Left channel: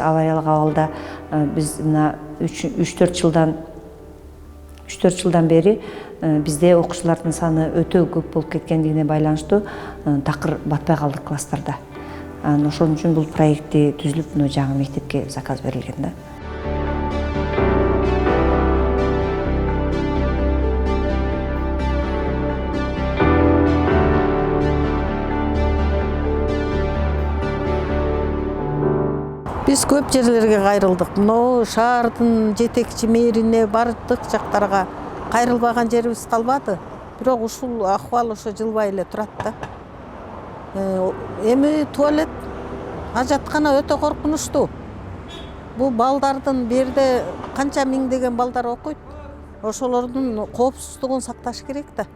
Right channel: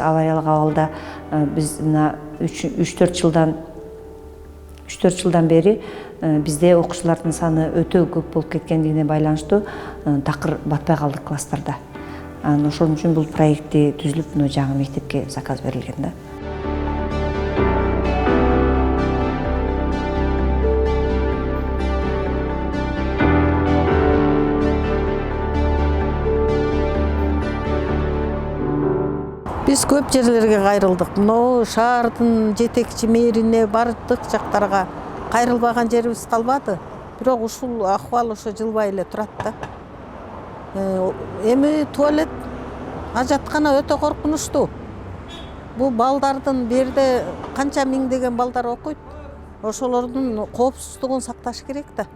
Алайялык абалда биз мына 3-4 жылдан бери бизде окуучулардын саны өтө көп болуп кеткендигине байланыштуу такыр батпай калдык класстарда. Ошон үчүн бул проекти түзүлүп, жаңы мектепке заказ берилген да. Биз көп жерлерге кайрылдык. Мына шаардын жетекчи мэрине бардык жактарга кайрылбаган жерибиз калбады. Бирок ушул акыбал ошо жылбай эле турат да. Эми туалет, ажаткана өтө коркунучтуу. Бул балдардын берде канча миңдеген балдар окуйт. Ошолордун коопсуздугун сакташ керек да.